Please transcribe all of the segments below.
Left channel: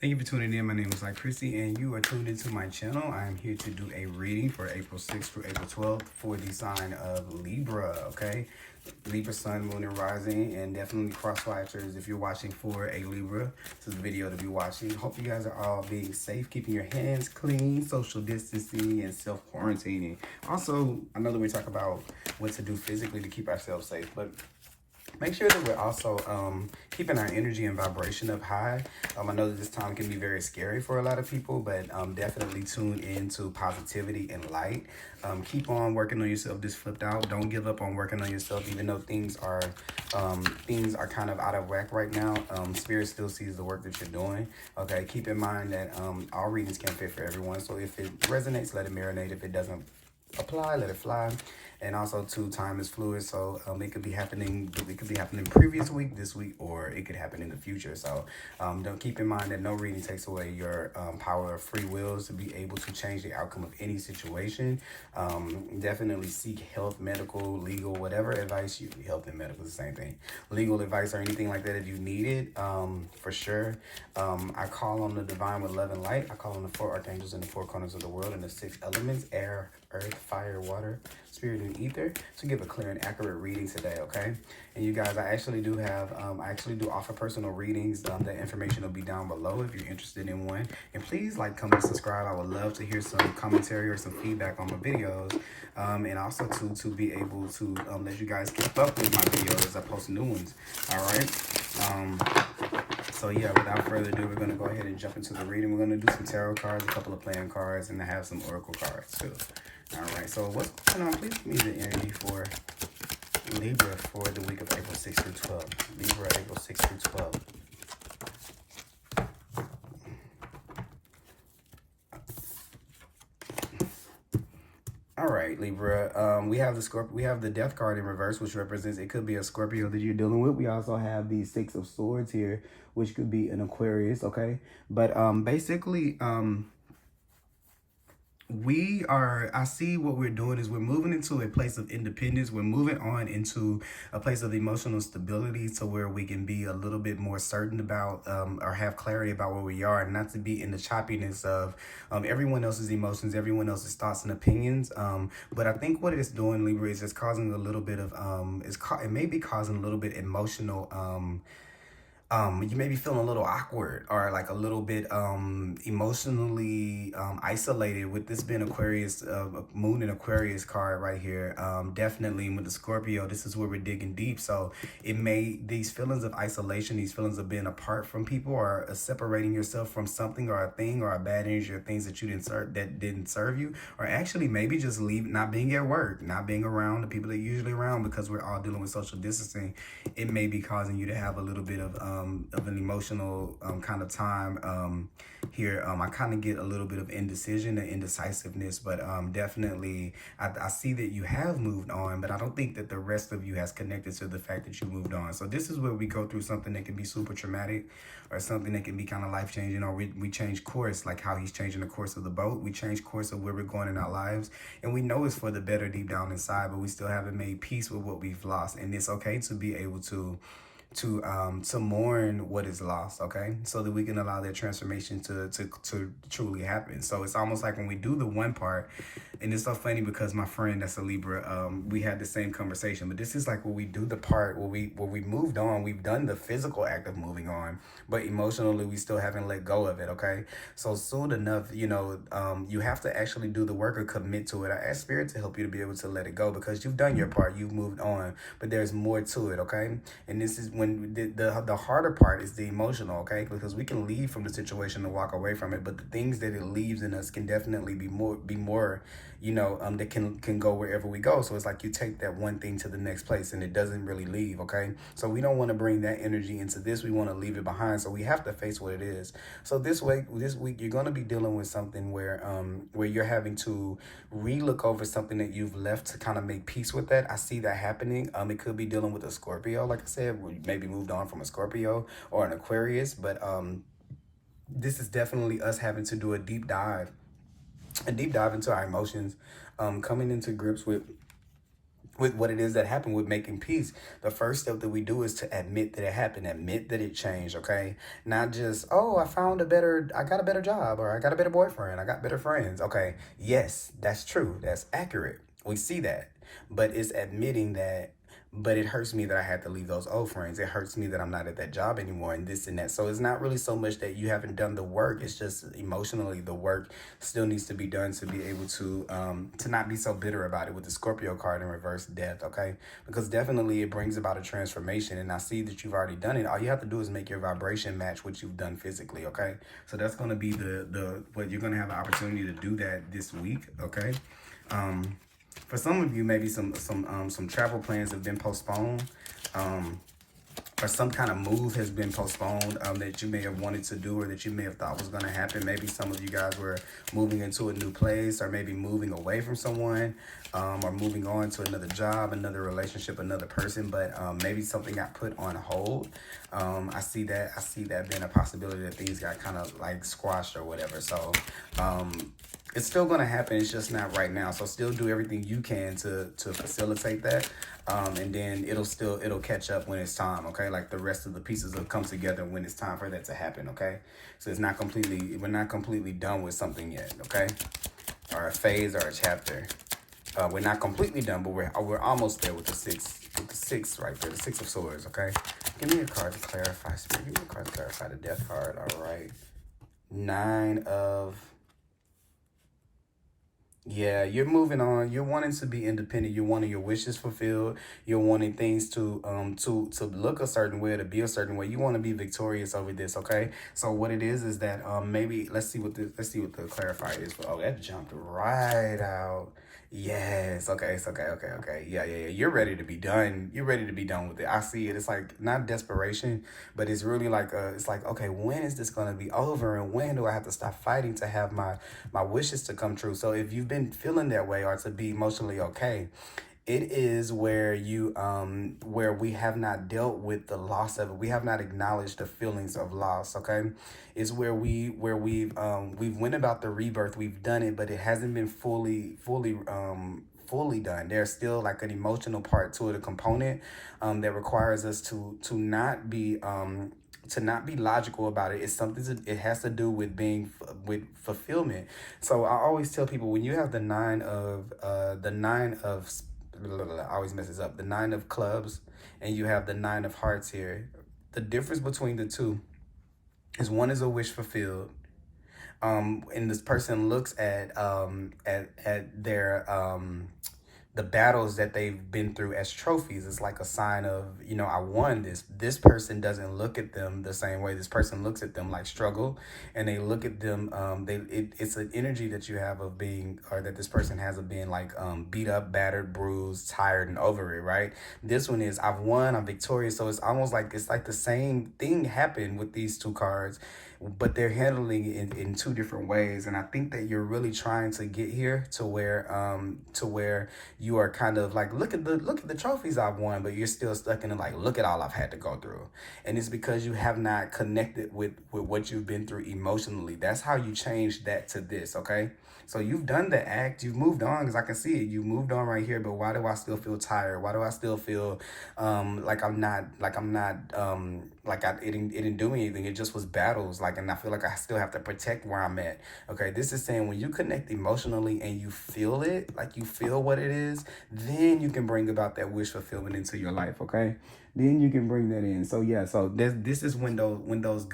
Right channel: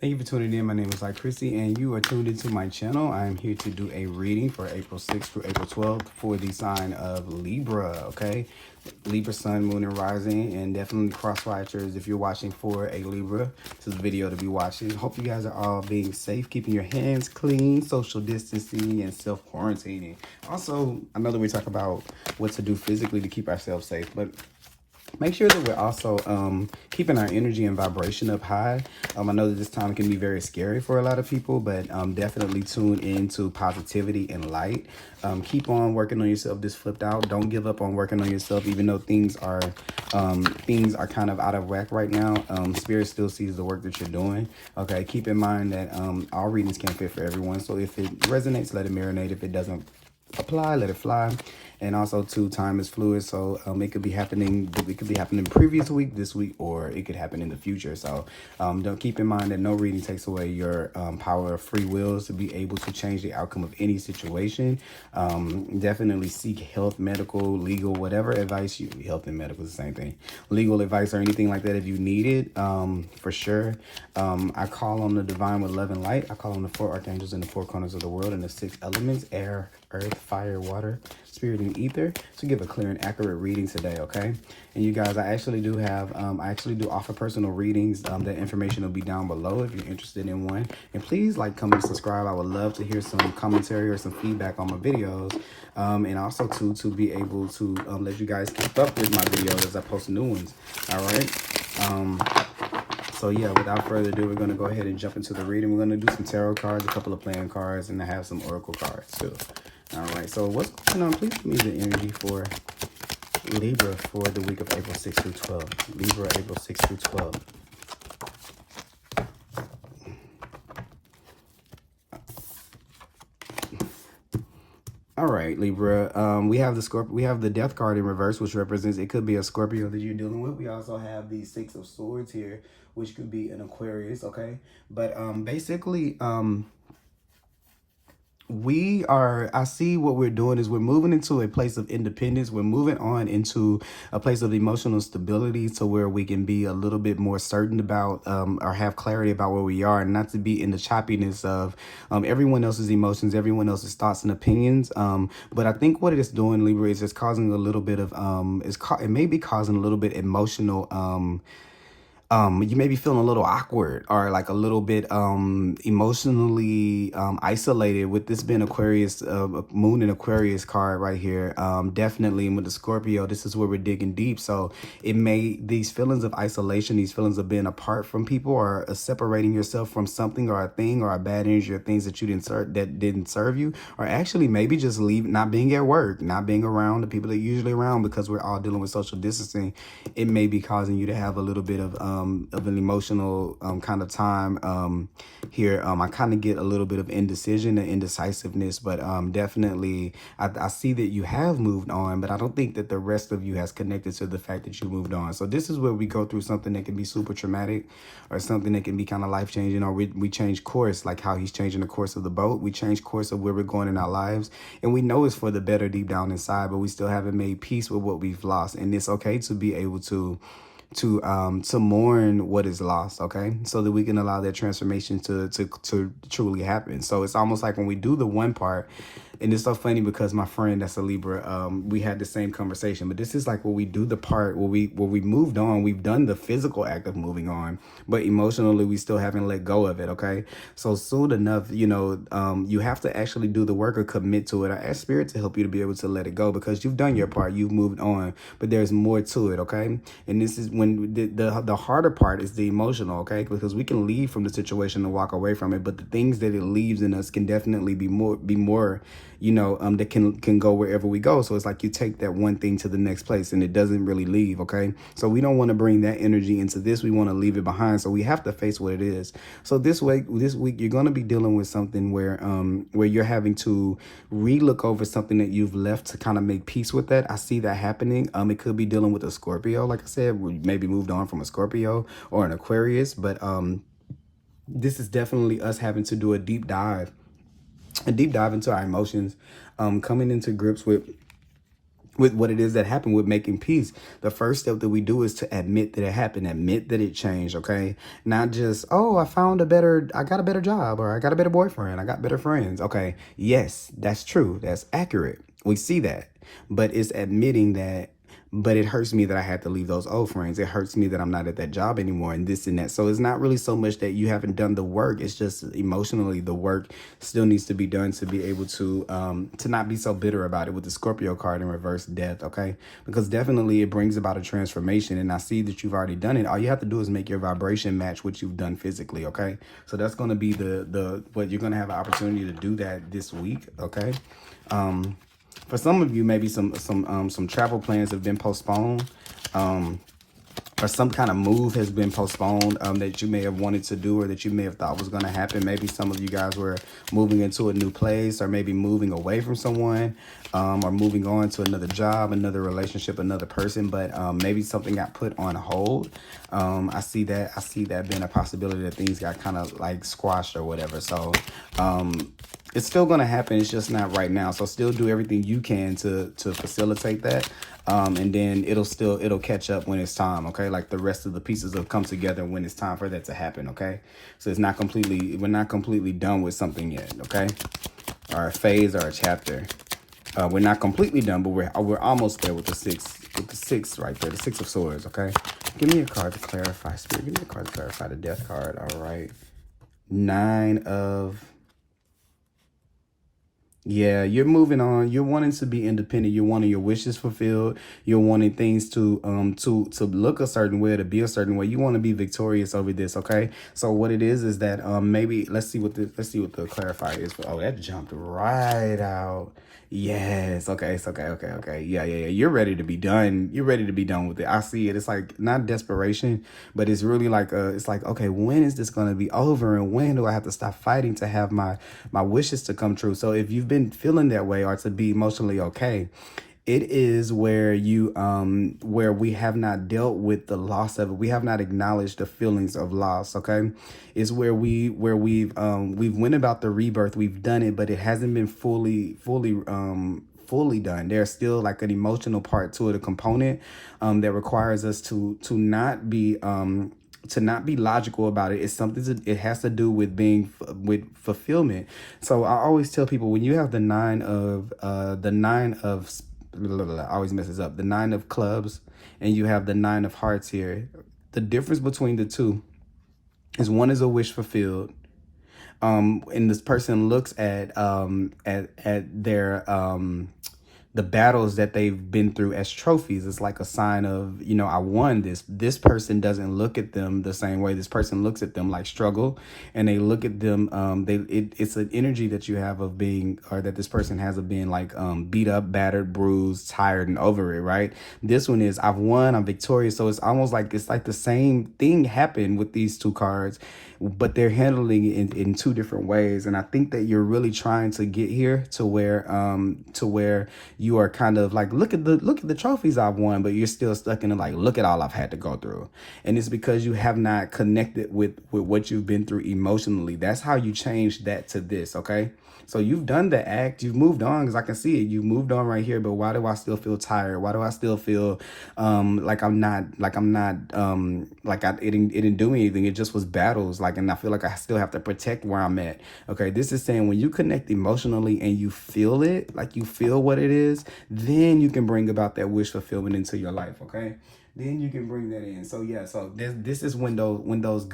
Thank you for tuning in. My name is Thelightchrissy, and you are tuned into my channel. I am here to do a reading for April 6th through April 12th for the sign of Libra, okay? Libra, sun, moon, and rising, and definitely cross-watchers if you're watching for a Libra. This is the video to be watching. Hope you guys are all being safe, keeping your hands clean, social distancing, and self-quarantining. Also, I know that we talk about what to do physically to keep ourselves safe, but make sure that we're also keeping our energy and vibration up high. I know that this time can be very scary for a lot of people, but definitely tune into positivity and light. Keep on working on yourself. This flipped out. Don't give up on working on yourself, even though things are kind of out of whack right now. Spirit still sees the work that you're doing. Okay, keep in mind that all readings can't fit for everyone. So if it resonates, let it marinate. If it doesn't apply, let it fly. And also too, time is fluid, so it could be happening previous week, this week, or it could happen in the future. So don't keep in mind that no reading takes away your power of free wills to be able to change the outcome of any situation. Definitely seek health, medical, legal, whatever advice you, health and medical is the same thing, legal advice or anything like that if you need it, for sure. I call on the divine with love and light. I call on the 4 archangels in the 4 corners of the world and the 6 elements: air, earth, fire, water, spirit, and ether, to give a clear and accurate reading today, okay? And you guys, I actually do offer personal readings. That information will be down below if you're interested in one. And please like, comment, subscribe. I would love to hear some commentary or some feedback on my videos. And also to be able to let you guys keep up with my videos as I post new ones, all right? So yeah, without further ado, we're going to go ahead and jump into the reading. We're going to do some tarot cards, a couple of playing cards, and I have some oracle cards too. All right, so what's going on? Please give me the energy for Libra for the week of April 6th through 12th. Libra, April 6th through 12th. All right, Libra. We have the Death card in reverse, which represents it could be a Scorpio that you're dealing with. We also have the 6 of Swords here, which could be an Aquarius, okay? But basically, I see what we're doing is we're moving into a place of independence. We're moving on into a place of emotional stability to where we can be a little bit more certain about or have clarity about where we are, and not to be in the choppiness of everyone else's emotions, everyone else's thoughts and opinions. But I think what it is doing, Libra, is it's causing a little bit of it may be causing a little bit emotional you may be feeling a little awkward or like a little bit emotionally isolated with this being Aquarius, moon and Aquarius card right here. Definitely, and with the Scorpio, this is where we're digging deep. So these feelings of isolation, these feelings of being apart from people, or separating yourself from something or a thing or a bad energy or things that didn't serve you, or actually maybe just not being at work, not being around the people that you're usually around, because we're all dealing with social distancing. It may be causing you to have a little bit of an emotional kind of time here. I kind of get a little bit of indecision and indecisiveness, but definitely I see that you have moved on, but I don't think that the rest of you has connected to the fact that you moved on. So this is where we go through something that can be super traumatic, or something that can be kind of life-changing, or we change course, like how he's changing the course of the boat. We change course of where we're going in our lives, and we know it's for the better deep down inside, but we still haven't made peace with what we've lost. And it's okay to be able to mourn what is lost, okay, so that we can allow that transformation to truly happen. So it's almost like when we do the one part, and it's so funny because my friend that's a Libra, we had the same conversation, but this is like when we do the part where we moved on, we've done the physical act of moving on, but emotionally we still haven't let go of it, okay? So soon enough, you have to actually do the work or commit to it, or ask Spirit to help you to be able to let it go, because you've done your part, you've moved on, but there's more to it, okay? And this is when the harder part is the emotional, okay? Because we can leave from the situation and walk away from it, but the things that it leaves in us can definitely be more that can go wherever we go. So it's like you take that one thing to the next place and it doesn't really leave, okay? So we don't want to bring that energy into this. We want to leave it behind. So we have to face what it is. So this week you're going to be dealing with something where you're having to re-look over something that you've left to kind of make peace with that. I see that happening. It could be dealing with a Scorpio, like I said. We maybe moved on from a Scorpio or an Aquarius, but this is definitely us having to do a deep dive into our emotions, coming into grips with with what it is that happened, with making peace. The first step that we do is to admit that it happened, admit that it changed, okay? Not just, oh, I got a better job, or I got a better boyfriend, I got better friends. Okay, yes, that's true, that's accurate. We see that, but it's admitting that, but it hurts me that I had to leave those old friends. It hurts me that I'm not at that job anymore, and this and that. So it's not really so much that you haven't done the work. It's just emotionally the work still needs to be done to be able to not be so bitter about it, with the Scorpio card in reverse, death, okay? Because definitely it brings about a transformation, and I see that you've already done it. All you have to do is make your vibration match what you've done physically, okay? So that's going to be what you're going to have an opportunity to do that this week, okay? For some of you, maybe some travel plans have been postponed, or some kind of move has been postponed that you may have wanted to do, or that you may have thought was going to happen. Maybe some of you guys were moving into a new place, or maybe moving away from someone, or moving on to another job, another relationship, another person. But maybe something got put on hold. I see that being a possibility, that things got kind of like squashed or whatever. So it's still going to happen. It's just not right now. So still do everything you can to facilitate that. And then it'll catch up when it's time. Okay. Like the rest of the pieces will come together when it's time for that to happen. Okay. So we're not completely done with something yet. Okay. Or a phase or a chapter. We're not completely done, but we're almost there with the six right there. The Six of Swords. Okay. Give me a card to clarify. Spirit, give me a card to clarify the Death card. All right. Nine of... Yeah, you're moving on. You're wanting to be independent. You're wanting your wishes fulfilled. You're wanting things to look a certain way, to be a certain way. You want to be victorious over this, okay? So what it is that maybe let's see what the clarifier is. Oh, that jumped right out. Yes. Okay. It's okay. Yeah. You're ready to be done. You're ready to be done with it. I see it. It's like not desperation, but it's really like it's like, okay, when is this going to be over, and when do I have to stop fighting to have my wishes to come true? So if you've been feeling that way, or to be emotionally okay, it is where you where we have not dealt with the loss of it. We have not acknowledged the feelings of loss. Okay, is where we've went about the rebirth. We've done it, but it hasn't been fully done. There's still like an emotional part to it, a component that requires us to not be logical about it. It's something it has to do with with fulfillment. So I always tell people, when you have the nine of always messes up, the Nine of Clubs, and you have the Nine of Hearts here, the difference between the two is one is a wish fulfilled, and this person looks at their the battles that they've been through as trophies. It's like a sign of, I won this. This person doesn't look at them the same way. This person looks at them like struggle, and they look at them. It's an energy that you have of being, or that this person has of being like beat up, battered, bruised, tired, and over it. Right. This one is, I've won. I'm victorious. So it's almost like the same thing happened with these two cards, but they're handling it in two different ways. And I think that you're really trying to get here to where you are kind of like, look at the trophies I've won, but you're still stuck in it, like, look at all I've had to go through. And it's because you have not connected with what you've been through emotionally. That's how you change that to this, okay? So you've done the act, you've moved on, because I can see it. You've moved on right here, but why do I still feel tired? Why do I still feel it didn't do anything? It just was battles, and I feel like I still have to protect where I'm at. Okay, this is saying when you connect emotionally and you feel it, like you feel what it is, then you can bring about that wish fulfillment into your life. Okay. Then you can bring that in. So yeah, so this is when those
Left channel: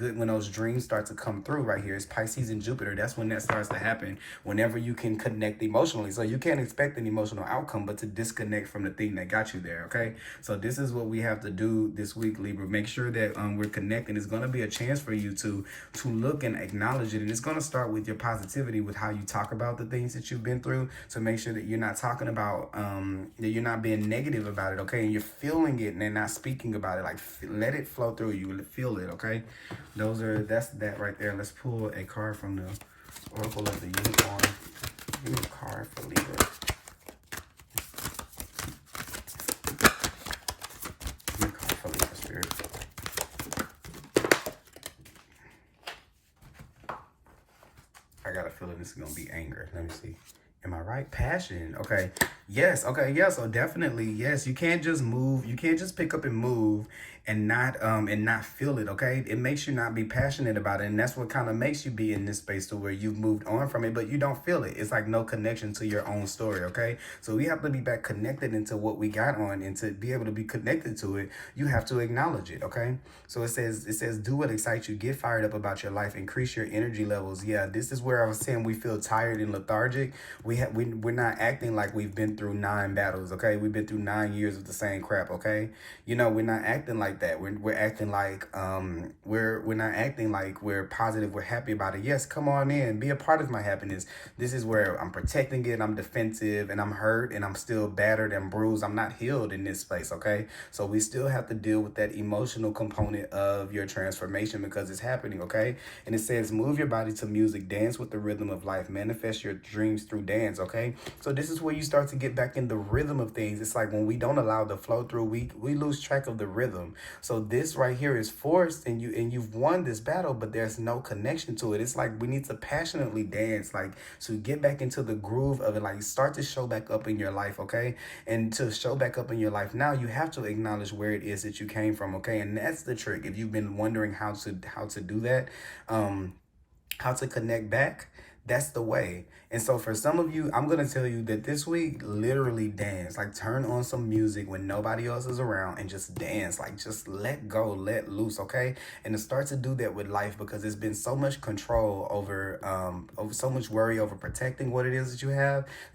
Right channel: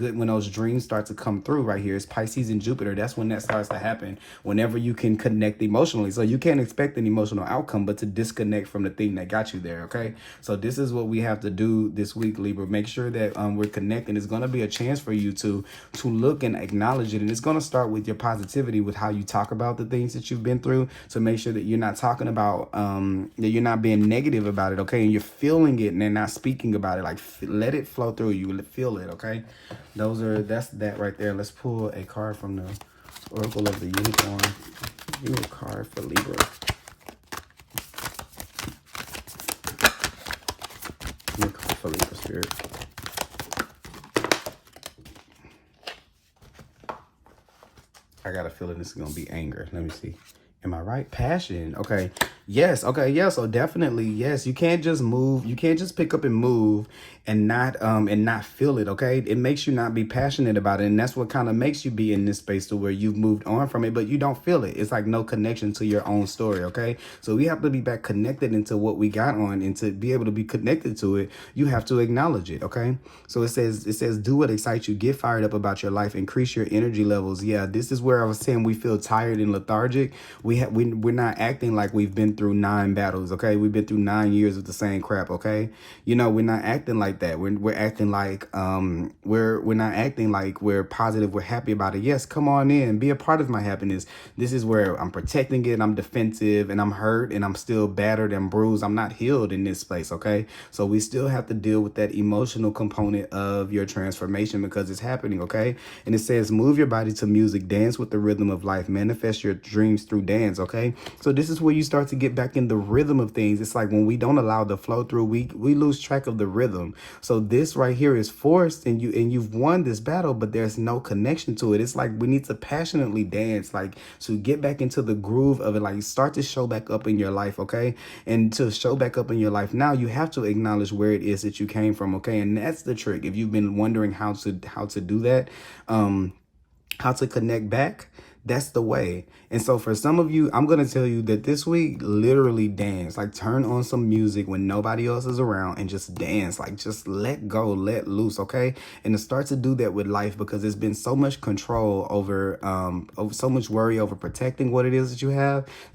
dreams start to come through right here. It's Pisces and Jupiter. That's when that starts to happen. Whenever you can connect emotionally. So you can't expect an emotional outcome, but to disconnect from the thing that got you there. Okay. So this is what we have to do this week, Libra. Make sure that we're connecting. It's going to be a chance for you to look and acknowledge it. And it's going to start with your positivity, with how you talk about the things that you've been through, to make sure that you're not talking about, that you're not being negative about it. Okay. And you're feeling it and then not speaking about it. Like, let it flow through you. Feel it. Okay. That's that right there. Let's pull a card from the Oracle of the Unicorn. Give me a card for Libra. Give me a card for Libra, Spirit. I got a feeling this is gonna be anger. Let me see. Am I right? Passion. Okay. Yes. Okay. Yeah. So definitely, yes. You can't just move. You can't just pick up and move and not feel it. Okay. It makes you not be passionate about it, and that's what kind of makes you be in this space to where you've moved on from it, but you don't feel it. It's like no connection to your own story. Okay. So we have to be back connected into what we got on, and to be able to be connected to it, you have to acknowledge it. Okay. So it says do what excites you. Get fired up about your life. Increase your energy levels. Yeah. This is where I was saying we feel tired and lethargic. We're not acting like we've been through 9 battles. Okay, we've been through 9 years of the same crap. Okay, you know, we're not acting like that. We're acting like we're not acting like we're positive, we're happy about it. Yes, come on in, be a part of my happiness. This is where I'm protecting it, I'm defensive, and I'm hurt, and I'm still battered and bruised. I'm not healed in this place. Okay, so we still have to deal with that emotional component of your transformation because it's happening. Okay, and it says move your body to music, dance with the rhythm of life, manifest your dreams through dance. Okay, so this is where you start to get back in the rhythm of things. It's like when we don't allow the flow through, we lose track of the rhythm. So this right here is forced, and you've won this battle, but there's no connection to it. It's like we need to passionately dance, like to get back into the groove of it, like start to show back up in your life. Okay, and to show back up in your life now, you have to acknowledge where it is that you came from. Okay, and that's the trick. If you've been wondering how to do that, how to connect back, that's the way. And so for some of you, I'm going to tell you that this week, literally dance, like turn on some music when nobody else is around and just dance, like just let go, let loose. Okay. And to start to do that with life, because there's been so much control over so much worry over protecting what it is that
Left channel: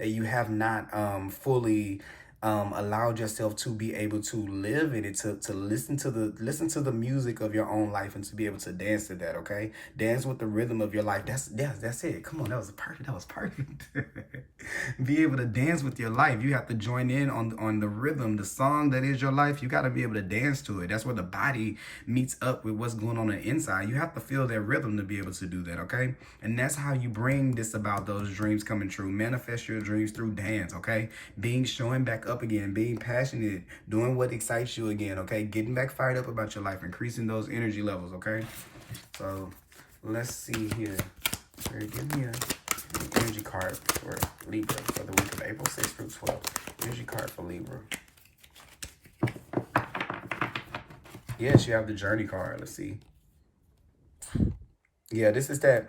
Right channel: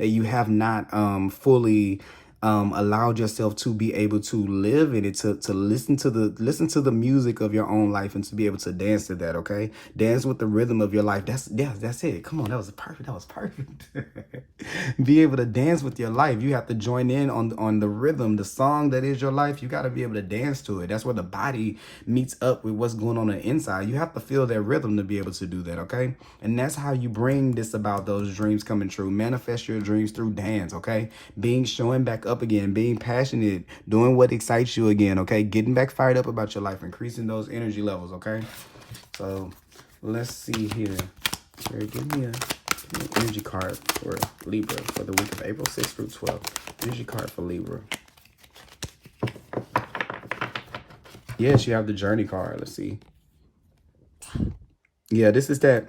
you have not fully allowed yourself to be able to live in it, to listen to the music of your own life, and to be able to dance to that. Okay, dance with the rhythm of your life. That's it. Come on, that was perfect. Be able to dance with your life. You have to join in on the rhythm, the song that is your life. You got to be able to dance to it. That's where the body meets up with what's going on the inside. You have to feel that rhythm to be able to do that. Okay, and that's how you bring this about, those dreams coming true. Manifest your dreams through dance. Okay, showing back up again, being passionate, doing what excites you again. Okay, getting back fired up about your life, increasing those energy levels. Okay, so let's see here. Sir, give me an energy card for Libra for the week of April 6th through 12th. Energy card for Libra. Yes, you have the journey card. Let's see. Yeah, this is that.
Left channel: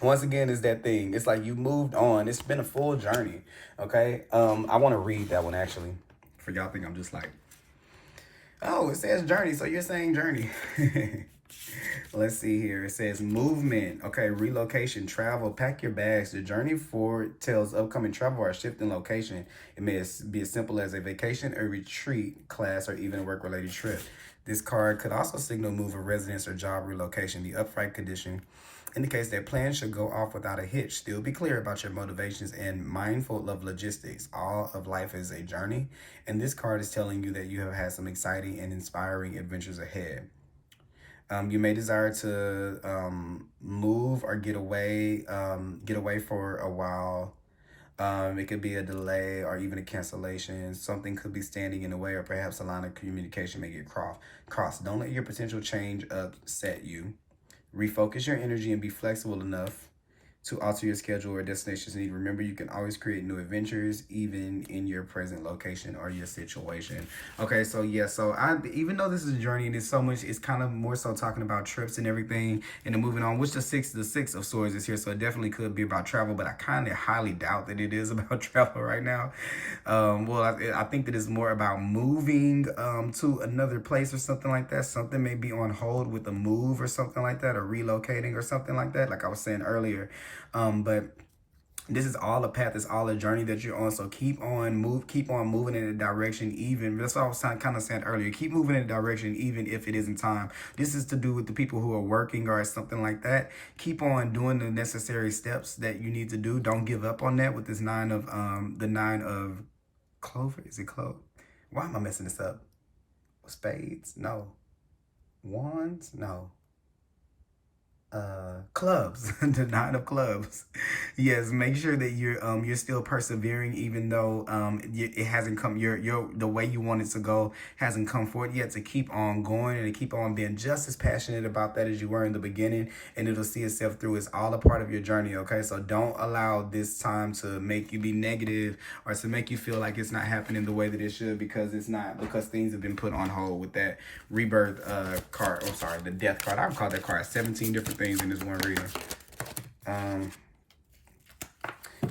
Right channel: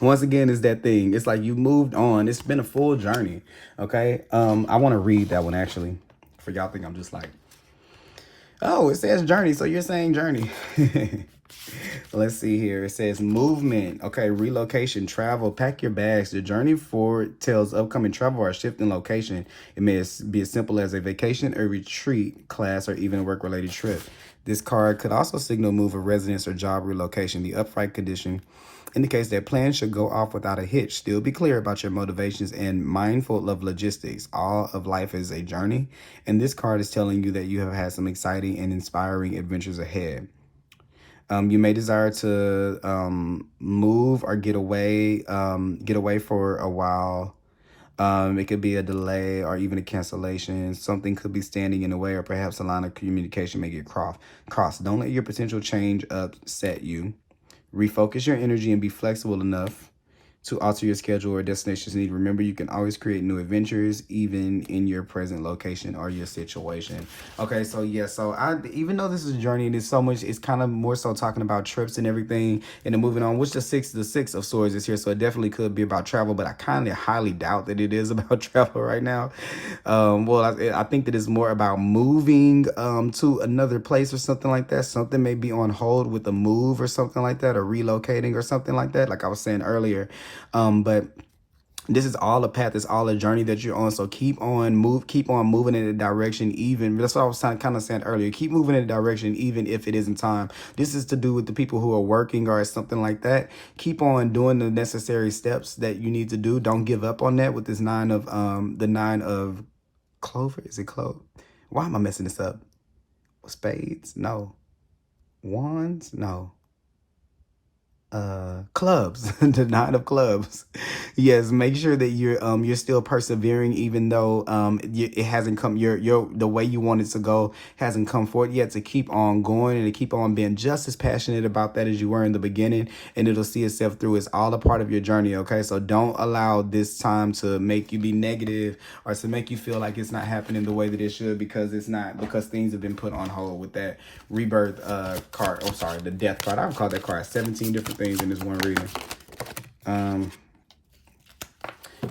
Once again, is that thing. It's like you moved on. It's been a full journey. Okay. I want to read that one actually. For y'all think I'm just like, oh, it says journey, so you're saying journey. Let's see here. It says movement. Okay, relocation, travel, pack your bags. The journey forward tells upcoming travel or shift in location. It may be as simple as a vacation, a retreat, class, or even a work-related trip. This card could also signal move of residence or job relocation. The upright condition indicates that plans should go off without a hitch. Still be clear about your motivations and mindful of logistics. All of life is a journey, and this card is telling you that you have had some exciting and inspiring adventures ahead. You may desire to move or get away for a while. It could be a delay or even a cancellation. Something could be standing in the way, or perhaps a line of communication may get crossed. Don't let your potential change upset you. Refocus your energy and be flexible enough to alter your schedule or destinations need. Remember, you can always create new adventures, even in your present location or your situation. Okay, so yeah, so even though this is a journey and it's so much, it's kind of more so talking about trips and everything, and then moving on, which the six of swords is here, so it definitely could be about travel, but I kind of highly doubt that it is about travel right now. Well, I think that it's more about moving to another place or something like that. Something may be on hold with a move or something like that, or relocating or something like that, like I was saying earlier. But this is all a path, it's all a journey that you're on. So keep on moving in a direction. Even that's what I was kind of saying earlier. Keep moving in a direction, even if it isn't time. This is to do with the people who are working or something like that. Keep on doing the necessary steps that you need to do. Don't give up on that with this nine of clover. Is it clove? Why am I messing this up? Spades? No. Wands? No. clubs. The Nine of Clubs. Yes, make sure that you're still persevering, even though it hasn't come, the way you want it to go hasn't come forth yet, to keep on going and to keep on being just as passionate about that as you were in the beginning, and it'll see itself through. It's all a part of your journey, okay? So don't allow this time to make you be negative or to make you feel like it's not happening the way that it should, because it's not, because things have been put on hold with that rebirth card. Oh, sorry, the death card. I would call that card 17 different things in this one reading.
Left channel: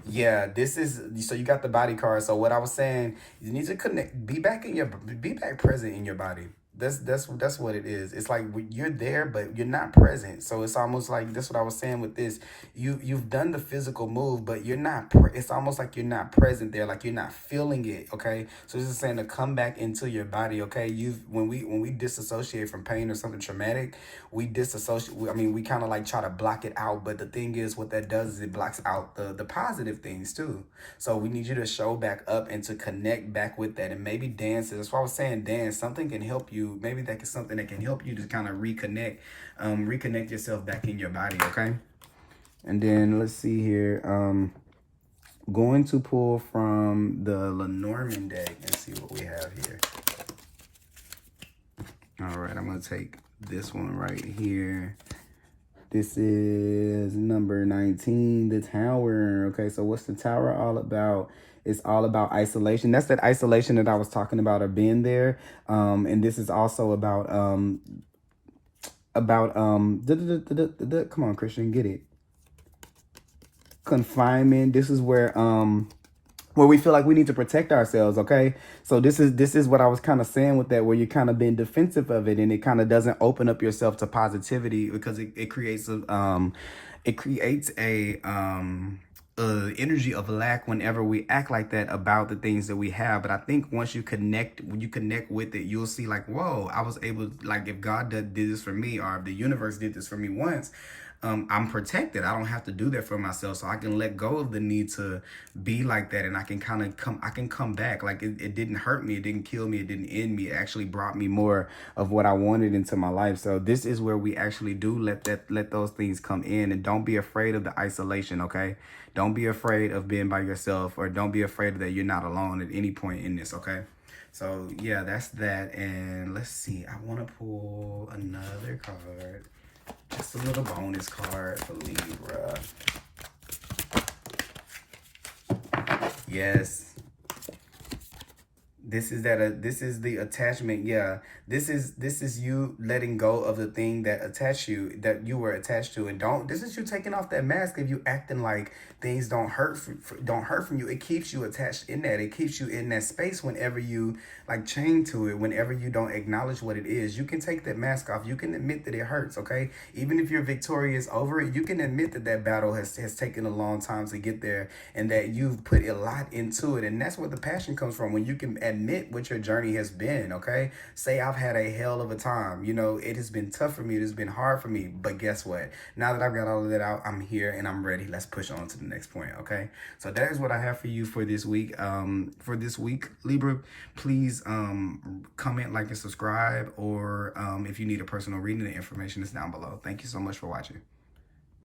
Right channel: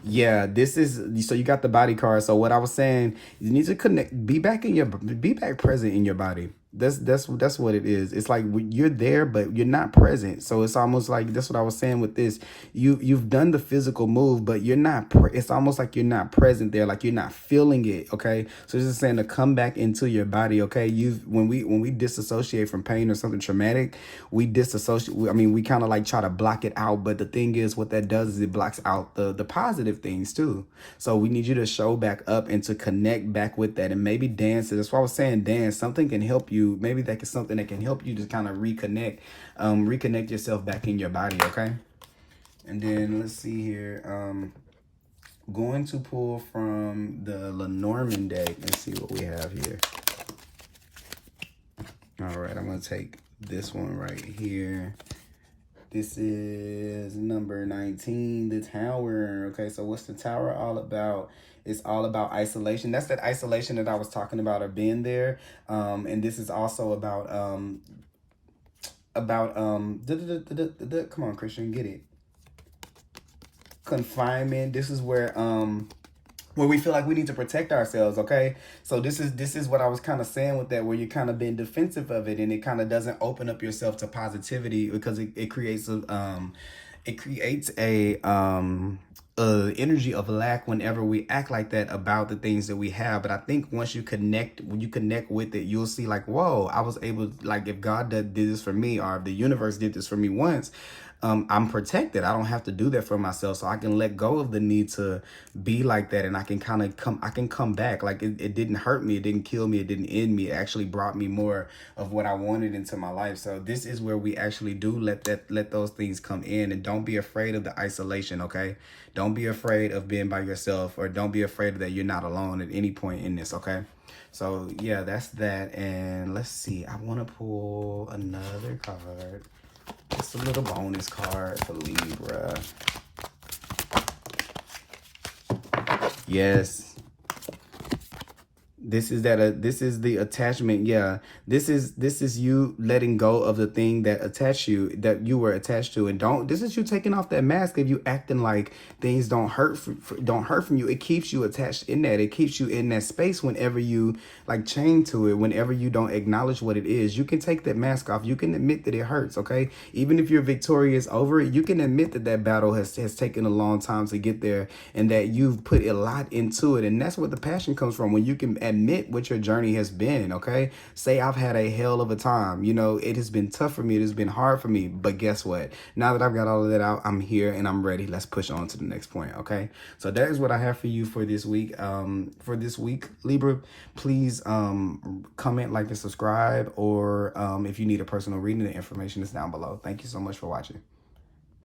Yeah, this is, so you got the body card. So what I was saying, you need to connect, be back present in your body. That's what it is. It's like you're there, but you're not present. So it's almost like, that's what I was saying with this. You've done the physical move, but you're not. It's almost like you're not present there, like you're not feeling it. Okay, so it's just saying to come back into your body. Okay, when we disassociate from pain or something traumatic, we disassociate. I mean, we kind of like try to block it out. But the thing is, what that does is it blocks out the positive things too. So we need you to show back up and to connect back with that, and maybe dance. That's why I was saying dance. Something can help you. Maybe that is something that can help you to kind of reconnect yourself back in your body, okay? And then let's see here. Going to pull from the Lenormand deck. Let's see what we have here. All right, I'm going to take this one right here. This is number 19, the Tower. Okay, so what's the Tower all about? It's all about isolation. That's that isolation that I was talking about, or being there. And this is also about come on, Christian, get it. Confinement. This is where we feel like we need to protect ourselves, okay? So this is what I was kind of saying with that, where you're kind of being defensive of it, and it kind of doesn't open up yourself to positivity, because it creates a energy of lack whenever we act like that about the things that we have. But I think once you connect with it, you'll see like, whoa, I was able, like, if God did this for me, or if the universe did this for me once, I'm protected. I don't have to do that for myself. So I can let go of the need to be like that. And I can kind of come back. Like it didn't hurt me. It didn't kill me. It didn't end me. It actually brought me more of what I wanted into my life. So this is where we actually do let those things come in. And don't be afraid of the isolation, okay? Don't be afraid of being by yourself, or don't be afraid that you're not alone at any point in this, okay? So yeah, that's that. And let's see. I want to pull another card. Just a little bonus card for Libra. Yes. This is the attachment. Yeah. This is you letting go of the thing that you were attached to. And this is you taking off that mask of you acting like things don't hurt from you. It keeps you attached in that. It keeps you in that space whenever you like chain to it, whenever you don't acknowledge what it is. You can take that mask off. You can admit that it hurts, okay? Even if you're victorious over it, you can admit that that battle has taken a long time to get there, and that you've put a lot into it. And that's where the passion comes from, when you can admit what your journey has been, okay? Say, I've had a hell of a time. You know, it has been tough for me. It has been hard for me. But guess what? Now that I've got all of that out, I'm here and I'm ready. Let's push on to the next point, okay? So that is what I have for you for this week. Libra, please comment, like, and subscribe. Or if you need a personal reading, the information is down below. Thank you so much for watching.